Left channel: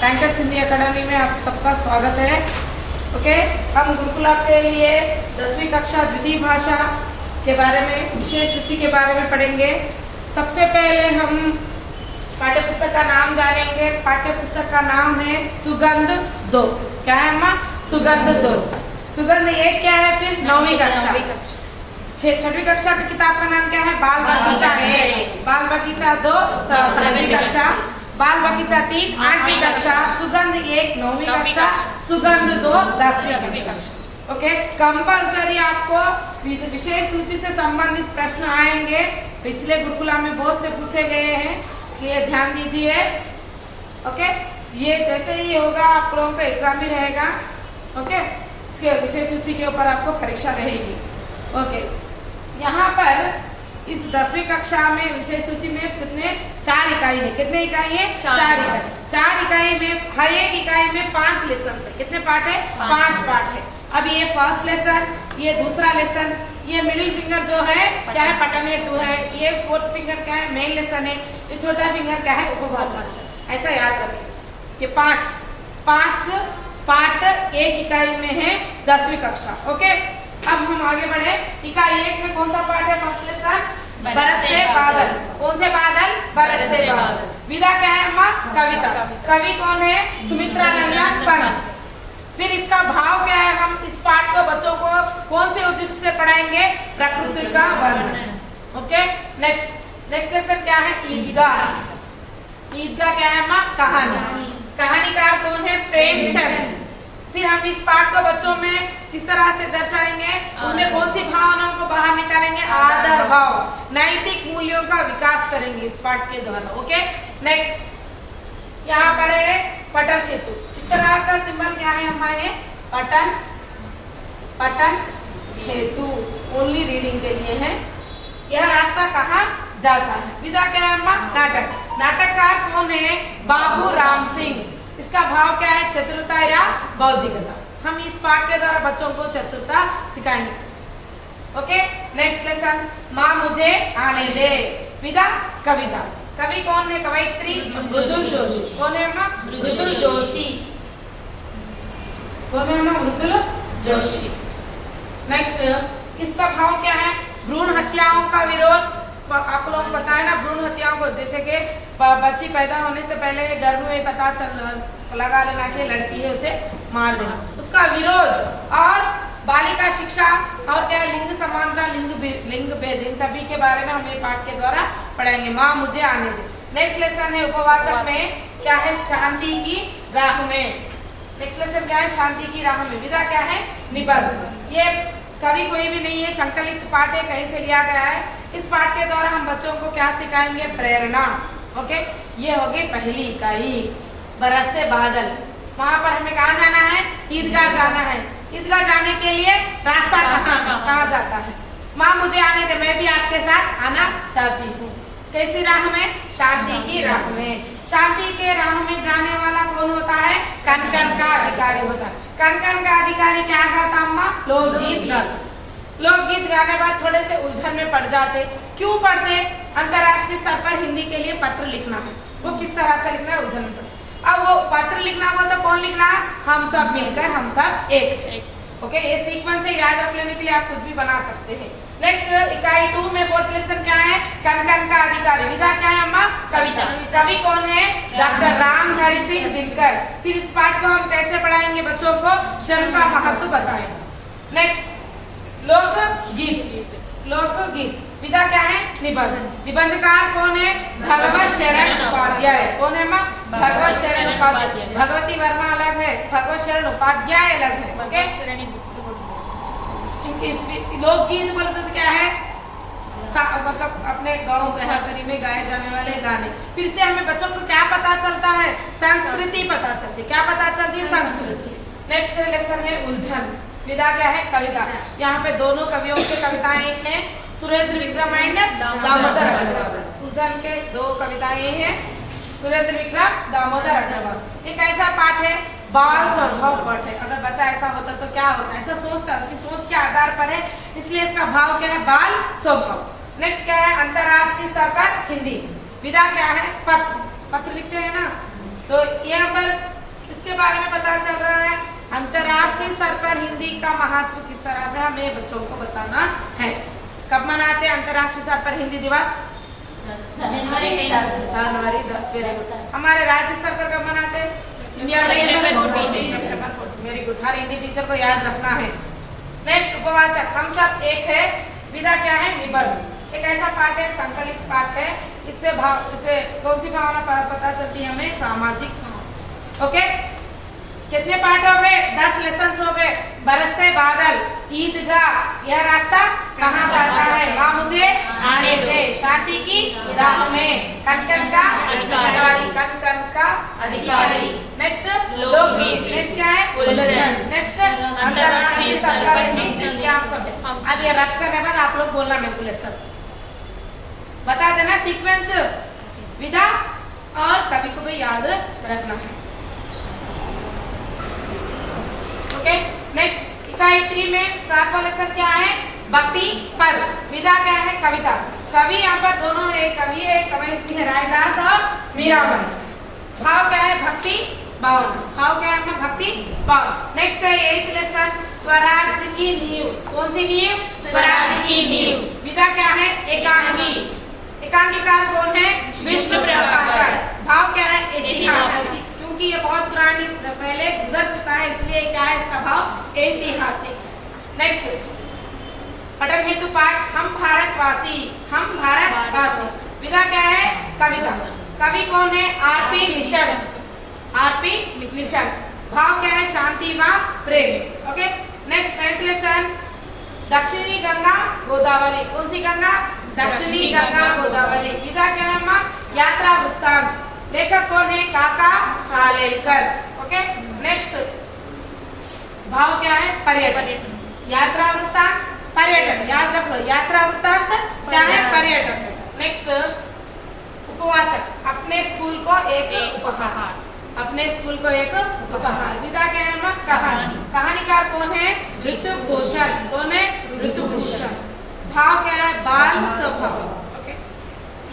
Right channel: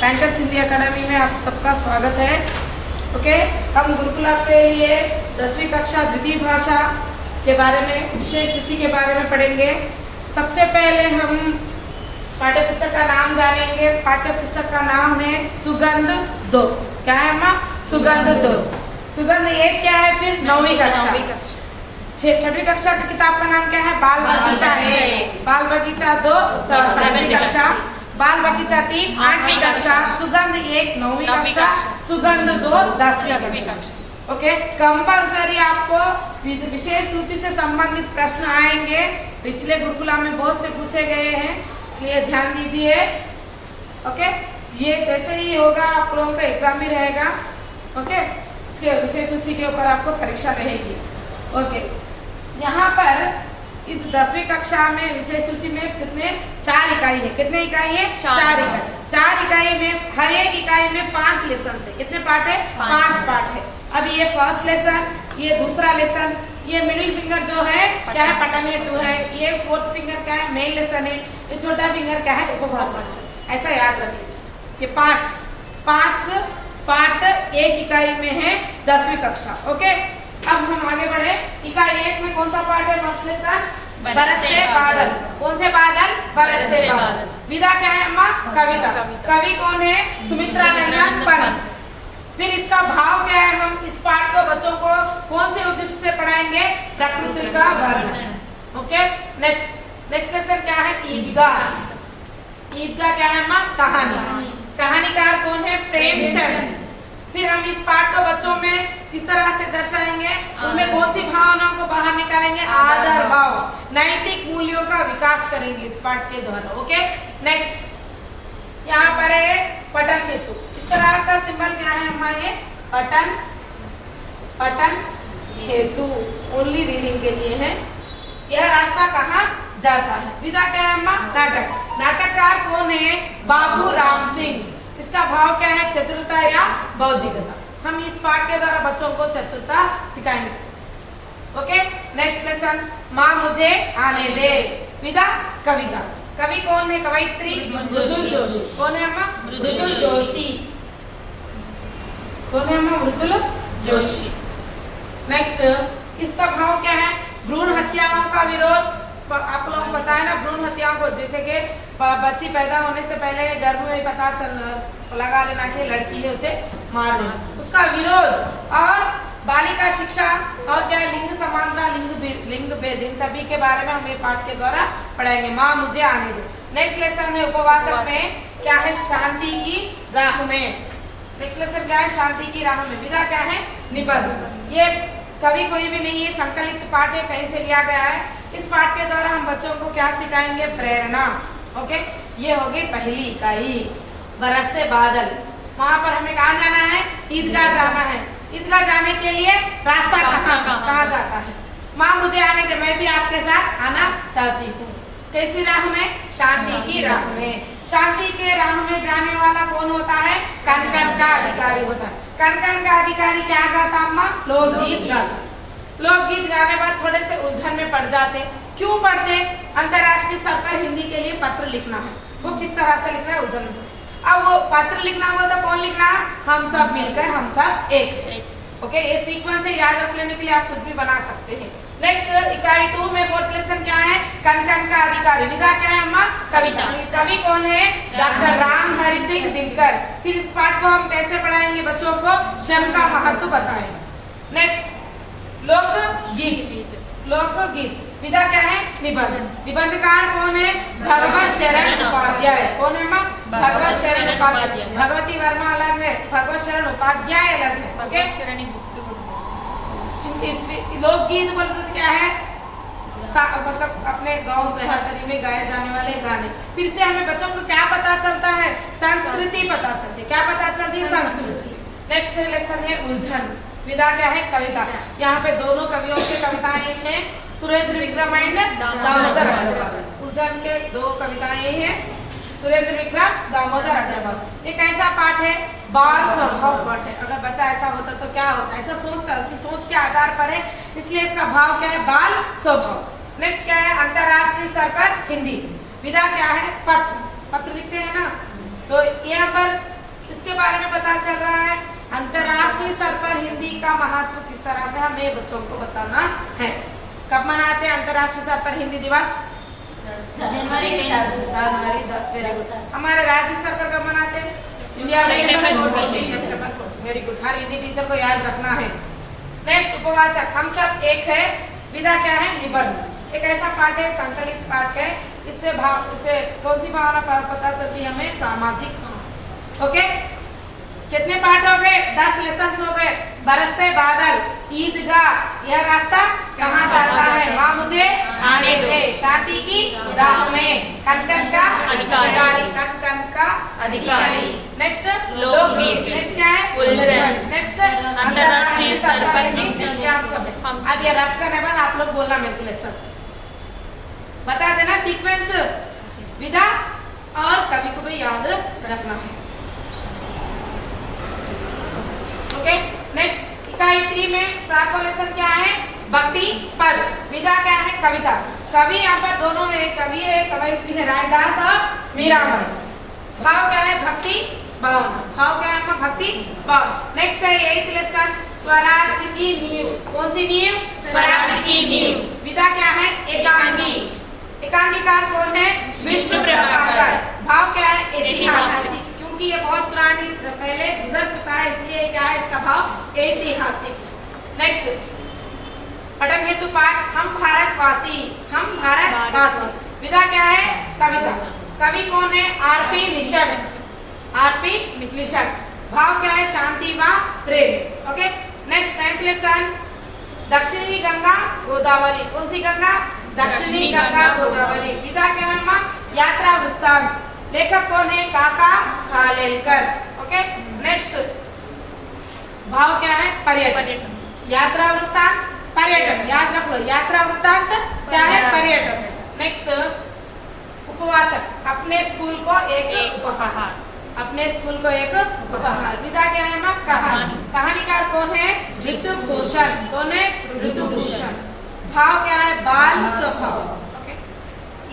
Bankers Hindi academy में आप सबका स्वागत है। ओके, हम गुरुकुला के लिए 10वीं कक्षा द्वितीय भाषा के बारे में, विशेष तिथि के बारे में पढ़ेंगे। सबसे पहले हम पाठ्य पुस्तक का नाम जानेंगे। पाठ्य पुस्तक का नाम है सुगंध 2। क्या है अम्मा? सुगंध 2। सुगंध 1 क्या है? फिर 9वीं कक्षा। 6वीं कक्षा की किताब का नाम क्या है? बाल बगीचा 1, बाल बगीचा 2 7वीं कक्षा, बाल बगीचा 3 8वीं कक्षा, सुगंध 1 9वीं कक्षा, सुगंध 2 10वीं कक्षा। ओके, कंपल्सरी आपको विशेष सूची से संबंधित प्रश्न आएंगे। पिछले गुरुकुला में बहुत से पूछे गए हैं, इसलिए ध्यान दीजिए। ओके, ये जैसे ही होगा आप लोगों का एग्जाम भी रहेगा। ओके, इसके विशेष सूची के ऊपर आपको परीक्षा रहेगी। ओके, यहाँ पर इस 10वीं कक्षा में विषय सूची में कितने 4 इकाई है। कितने इकाई है? 4 इकाई। 4 इकाई में हर एक इकाई में 5 लेसन है। कितने पार्ट है? 5 पार्ट है। अब ये फर्स्ट लेसन, ये दूसरा लेसन, ये मिडिल फिंगर जो है क्या है? पठन हेतु है। ये फोर्थ फिंगर क्या है? मेन लेसन है। ये छोटा फिंगर क्या है? उपवाचक। ऐसा याद रखिए। ये 5 पार्ट एक इकाई में है 10वीं कक्षा। ओके, अब हम आगे बढ़े। इकाई 1 में कौन सा पार्ट है? फर्स्ट लेसन बरसते बादल। कौन से बादल? बरसते बादल। विधा क्या है अम्मा? कविता। कवि कौन है? सुमित्रा नंदन पंत। फिर इसका भाव क्या है? हम इस पाठ को बच्चों को कौन से उद्देश्य से पढ़ाएंगे? प्रकृति का वर्णन। ओके, नेक्स्ट लेसन क्या है? ईदगाह। ईदगाह क्या है अम्मा? कहानी। कहानीकार कौन है? प्रेमचंद। फिर हम इस पाठ को बच्चों में किस तरह से दर्शाएंगे? उनमें कौन सी भावनाओं को बाहर निकालेंगे? आदर भाव, नैतिक मूल्यों का विकास करेंगे इस पाठ के द्वारा। ओके, नेक्स्ट यहाँ पर है पठन हेतु। इस तरह का सिंबल क्या है हमारे? पठन हेतु, ओनली रीडिंग के लिए है। यह रास्ता कहाँ जाता है? विधा क्या है अम्मा? नाटक। नाटककार कौन है? बाबू राम सिंह। इसका भाव क्या है? चतुरता या बौद्धिकता। हम इस पाठ के द्वारा बच्चों को चतुरता सिखाएंगे। ओके, नेक्स्ट लेसन माँ मुझे आने दे। विधा कविता। कवि कौन है? कवयित्री मृदुल जोशी। कौन है अम्मा? मृदुल जोशी। कौन है अम्मा? मृदुल जोशी। नेक्स्ट, इसका भाव क्या है? भ्रूण हत्याओं का विरोध। आप लोग पता है ना भ्रूण हत्याओं को, जैसे कि बच्ची पैदा होने से पहले गर्भ में पता लगा लेना कि लड़की है, उसे मार देना, उसका विरोध। और बालिका शिक्षा और क्या लिंग समानता, लिंग भेद, इन सभी के बारे में हम पाठ के द्वारा पढ़ाएंगे। माँ मुझे आने दे। नेक्स्ट लेसन है उपवाचक में क्या है? शांति की राह में। नेक्स्ट लेसन क्या है? शांति की राह में। विधा क्या है? निबंध। ये कवि कोई भी नहीं है, संकलित पाठ है, कहीं से लिया गया है। इस पाठ के द्वारा हम बच्चों को क्या सिखाएंगे? प्रेरणा। ओके, ये होगी पहली इकाई बरसते बादल। वहाँ पर हमें कहाँ जाना है? ईदगाह जाना है। ईदगाह जाने के लिए रास्ता कहाँ जाता है? माँ मुझे आने दे, मैं भी आपके साथ आना चाहती हूँ। कैसी राह में? शांति की राह में। शांति के राह में जाने वाला कौन होता है? कनकन का अधिकारी होता है। कनकन का अधिकारी क्या गाता अम्मा? लोकगीत गाता। लोकगीत गाने बाद थोड़े से उलझन में पड़ जाते। क्यों पढ़ते? अंतर्राष्ट्रीय स्तर पर हिंदी के लिए पत्र लिखना है। वो किस तरह से लिखना है? उलझन में पड़े। अब वो पत्र लिखना हो तो कौन लिखना है? हम सब मिलकर, हम सब एक। ओके, ये सीक्वेंस से याद रख लेने के लिए आप कुछ भी बना सकते हैं। नेक्स्ट इकाई 2 में फोर्थ लेसन क्या है? कनकन का अधिकारी। विधा क्या है अम्मा? कविता। कवि कौन है? डॉक्टर रामधारी सिंह दिनकर। फिर इस पाठ को हम कैसे पढ़ाएंगे बच्चों को? श्रम का महत्व बताएंगे। नेक्स्ट लोकगीत। लोकगीत। विधा क्या है? निबंध। निबंधकार कौन है? भगवत शरण उपाध्याय। कौन है माँ? भगवत शरण उपाध्याय। भगवती वर्मा अलग है, भगवत शरण उपाध्याय अलग है। ओके, क्योंकि लोकगीत बोलते क्या है? मतलब अपने गाँव देहातरी में गाए जाने वाले गाने। फिर से हमें बच्चों को क्या पता चलता है? संस्कृति पता चलती है। क्या पता चलती है? संस्कृति। नेक्स्ट लेसन है उलझन। विधा क्या है? कविता। यहाँ पे दोनों कवियों की कविताएं हैं, सुरेंद्र विक्रम एंड दामोदर अग्रवाल। उलझन के 2 कविताएं हैं, सुरेंद्र विक्रम, दामोदर अग्रवाल। एक ऐसा पाठ है, बाल स्वभाव पाठ है। अगर बच्चा ऐसा होता तो क्या होता? ऐसा सोचता है, उसकी सोच के आधार पर है, इसलिए इसका भाव क्या है? बाल स्वभाव। नेक्स्ट क्या है? अंतर्राष्ट्रीय स्तर पर हिंदी। विधा क्या है? पत्र। पत्र लिखते हैं ना, तो यहाँ पर इसके बारे में पता चल रहा है। अंतर्राष्ट्रीय स्तर पर हिंदी का महत्व किस तरह से हमें बच्चों को बताना है। कब मनाते हैं अंतर्राष्ट्रीय स्तर पर हिंदी दिवस? जनवरी 10। हमारे राज्य स्तर पर कब मनाते हैं? इंडिया में वेरी गुड। हर हिंदी टीचर को याद रखना है। नेक्स्ट उपवाचक, हम सब एक है। विधा क्या है? निबंध। एक ऐसा पाठ है, संकलित पाठ है, इससे कौन सी भावना पता चलती है हमें? सामाजिक। ओके, कितने पाठ हो गए? 10 लेसन हो गए। बरसते बादल, ईदगाह, यह रास्ता कहाँ जाता है? माँ मुझे आने दे, शादी की राह में, कन का अधिकारी, कन का अधिकारी। नेक्स्ट लोकगीत। नेक्स्ट क्या है? उलझन। नेक्स्ट अंतर्राष्ट्रीय स्तर पर हिंदी। अब ये रख करने बाद आप लोग बोलना मेरे को लेसन बता देना, सीक्वेंस, विधा और कवि को भी याद रखना है। ओके, नेक्स्ट इकाई 3 में 7वां लेसन क्या है? भक्ति पर। विधा क्या है? कविता। कवि यहाँ पर दोनों है, कवि है, कवयित्री है रायदास और मीराबाई। भाव क्या है? भक्ति भाव। भाव क्या है? भक्ति भाव। नेक्स्ट है 8th लेसन, स्वराज्य की नींव। कौन सी नींव? स्वराज्य की नींव। विधा क्या है? एकांकी। एकांकीकार कौन है? विष्णु प्रभाकर। भाव क्या है? ऐतिहासिक, क्योंकि ये बहुत पुरानी पहले गुजर चुका है, इसलिए क्या है इसका भाव? ऐतिहासिक। नेक्स्ट पठन हेतु पाठ, हम भारतवासी। हम भारतवासी। विधा क्या है? कविता। कवि कौन है? आरपी निषद। आरपी निषद। भाव क्या है? शांति व प्रेम। ओके, नेक्स्ट 9th लेसन, दक्षिणी गंगा गोदावरी। कौन सी गंगा? दक्षिणी गंगा गोदावरी। विधा क्या है? यात्रा वृत्तांत। लेखक कौन है? काका कालेलकर। ओके, नेक्स्ट भाव क्या है? पर्यटन। यात्रा वृत्तांत, पर्यटन। याद रख लो, यात्रा वृत्तांत क्या है? पर्यटन। नेक्स्ट उपवाचक, अपने स्कूल को एक उपहार। अपने स्कूल को एक उपहार। विधा क्या है? कहानी। कहानीकार कौन है? ऋतुभूषण। कौन है? ऋतुभूषण। भाव क्या है? बाल स्वभाव। ओके,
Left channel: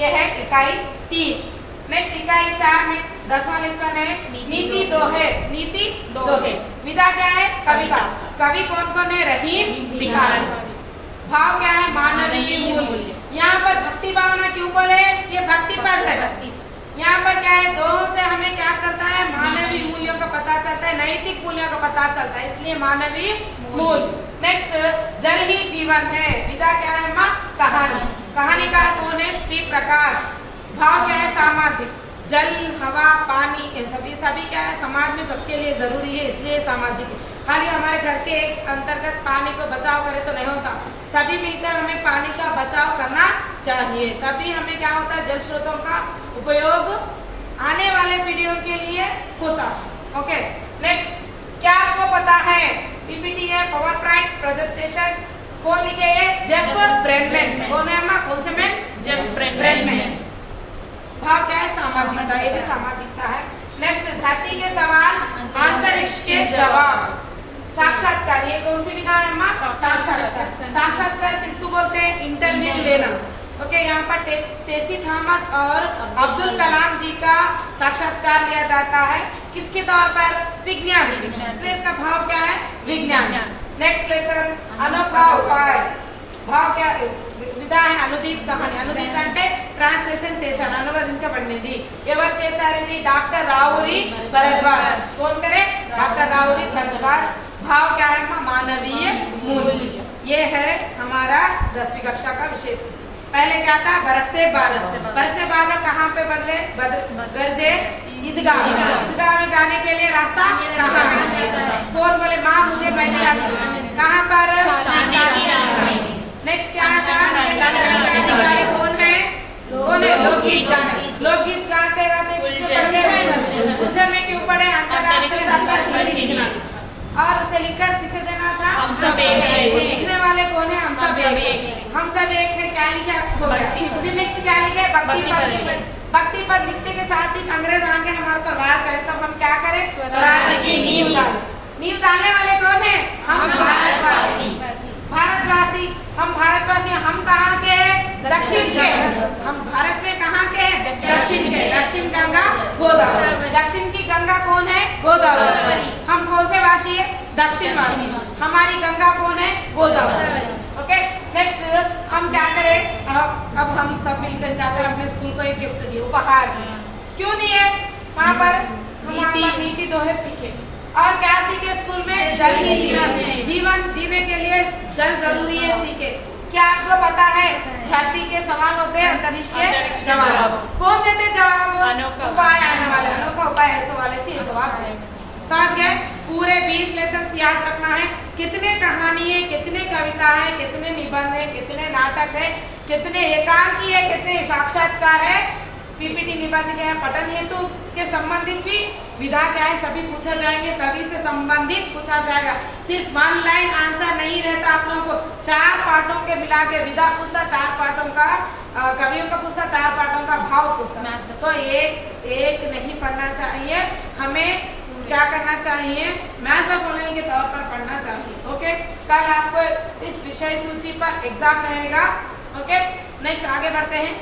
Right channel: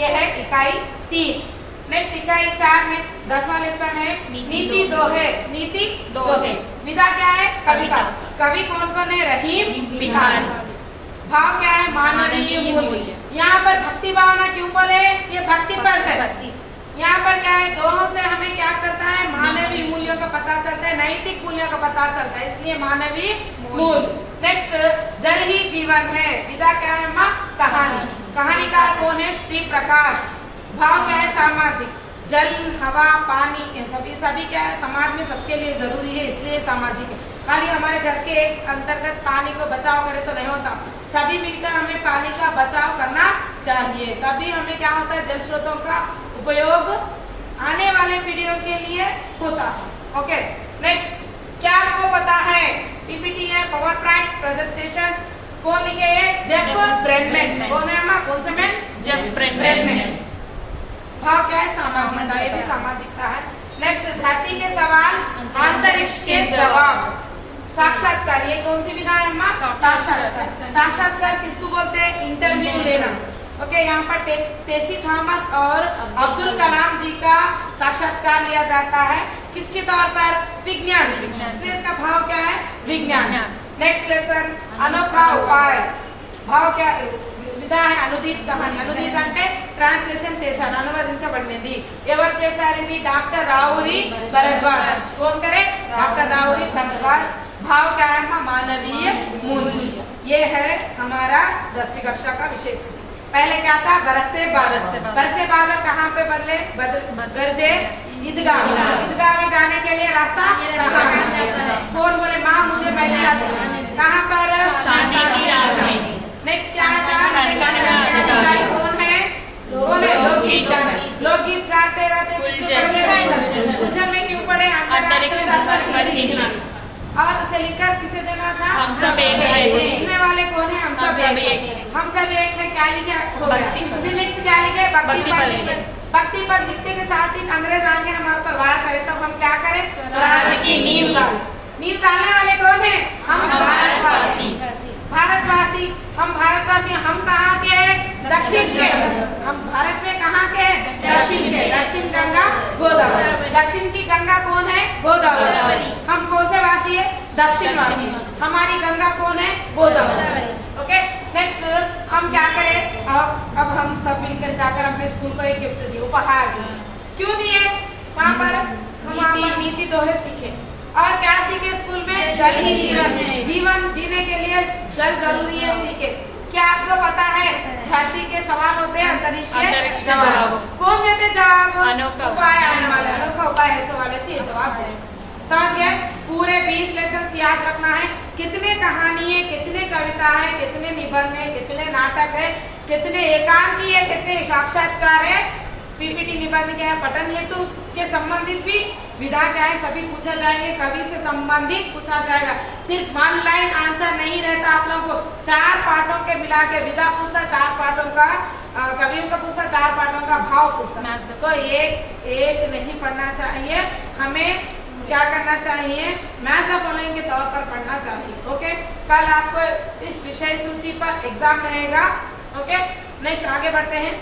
यह है इकाई 3। नेक्स्ट इकाई 4 में 10वां लेसन है नीति दोहे। नीति दोहे। विधा क्या है? कविता। कवि कौन कौन है? रहीम बिहारी। भाव क्या है? मानवीय मूल्य। यहाँ पर भक्ति भावना क्यों बोले? ये भक्ति पर है। यहाँ पर क्या है? दोनों से हमें क्या चलता है? मानवीय मूल्यों का पता चलता है, नैतिक मूल्यों का पता चलता है, इसलिए मानवीय मूल्य। नेक्स्ट जल ही जीवन है। विधा क्या है? कहानी। कहानीकार कौन है? श्री प्रकाश। भाव क्या है? सामाजिक। जल, हवा, पानी, सभी क्या है? समाज में सबके लिए जरूरी है, इसलिए सामाजिक है। खाली हमारे घर के अंतर्गत पानी को बचाव करे तो नहीं होता, सभी मिलकर हमें पानी का बचाव करना चाहिए, तभी हमें क्या होता है? जल स्रोतों का उपयोग आने वाले पीढ़ियों के लिए होता है। ओके, नेक्स्ट क्या आपको पता है? पीपीटी है, पावर पॉइंट प्रेजेंटेशन कौन लिखे है? Jeff Bradman. कौन है माँ? कौन से मैन? Jeff Bradman. भाव क्या है? सामाजिकता। ये भी सामाजिकता है। नेक्स्ट धरती के सवाल, अंतरिक्ष के जवाब। साक्षात्कार, ये कौन सी विधा है माँ? साक्षात्कार। साक्षात्कार किसको बोलते हैं? इंटरव्यू लेना। ओके, यहाँ पर टेसी थॉमस और अब्दुल कलाम जी का साक्षात्कार लिया जाता है। किसके तौर पर? विज्ञान। इसलिए इसका भाव क्या है? विज्ञान। नेक्स्ट लेसन, अनोखा उपाय। भाव क्या? विधा है अनुदित कहानी। अनुदित అంటే ట్రాన్స్లేషన్ చేశారు, అనువదించబడినది. ఎవరు చేశారు ఇది? డాక్టర్ రావురి భరద్వాజ్. कौन करे? डॉक्टर राउरी भरद्वाज। भाव क्या है? मानवीय मूल्य। ये है हमारा 10वीं कक्षा का विशेष सूची। पहले क्या था? बरसते बादल। बरसते बादल कहाँ पे बदले? गरजे ईदगाह। ईदगाह में जाने के लिए रास्ता कहाँ है? स्कोर बोले माँ मुझे पहले याद है कहाँ पर? नेक्स्ट क्या है? कौन है? कौन है? लोकगीत गाते। लोकगीत गाते गाते उलझन में क्यों पड़े? अंतर्राष्ट्रीय स्तर पर हिंदी। और उसे लिखकर किसे देना था? हम सब एक है। लिखने वाले कौन है? हम सब एक है। हम सब एक है। क्या लिखा हो गया? फिर नेक्स्ट क्या लिखे? भक्ति पर। भक्ति पर लिखते के साथ ही अंग्रेज आगे हमारे पर वार करे तो हम क्या करें? स्वराज्य की नींव डाले। नींव डालने वाले कौन है? हम भारतवासी। भारतवासी। हम भारतवासी। हम कहाँ के हैं? दक्षिण के। हम भारत में कहाँ के हैं? दक्षिण के, दक्षिण गंगा गोदावरी। दक्षिण की गंगा कौन है? गोदावरी। हम कौन से वासी है? दक्षिण वासी। हमारी गंगा कौन है? गोदावरी। ओके, नेक्स्ट हम क्या करें? अब हम सब मिलकर जाकर अपने स्कूल को एक गिफ्ट दिए, उपहार दिए। क्यों दिए? वहाँ पर हम नीति दोहे सीखे और क्या सीखे स्कूल में? जल ही जीवन, जीवन जीने के लिए जल जरूरी है सीखे। क्या आपको पता है धरती के सवाल होते हैं, अंतरिक्ष के जवाब। कौन देते जवाब? उपाय आने वाले, अनोखा उपाय ऐसे वाले चाहिए जवाब दें। समझ गए? पूरे 20 लेसन याद रखना है। कितने कहानी है, कितने कविता है, कितने निबंध है, कितने नाटक है, कितने एकांकी है, कितने साक्षात्कार है, पीपीटी निबंध है, पठन हेतु के संबंधित भी विधा क्या है सभी पूछा जाएंगे। कवि से संबंधित पूछा जाएगा। सिर्फ 1 लाइन आंसर नहीं रहता आप लोगों को। 4 पाठों के मिला के विधा पूछता, 4 पाठों का कवियों का पूछता, 4 पाठों का भाव पूछता। तो एक नहीं पढ़ना चाहिए, हमें क्या करना चाहिए? मैथ्स ऑफ ऑनलाइन के तौर पर पढ़ना चाहिए। ओके, कल आपको इस विषय सूची पर एग्जाम रहेगा। ओके, नेक्स्ट आगे बढ़ते हैं।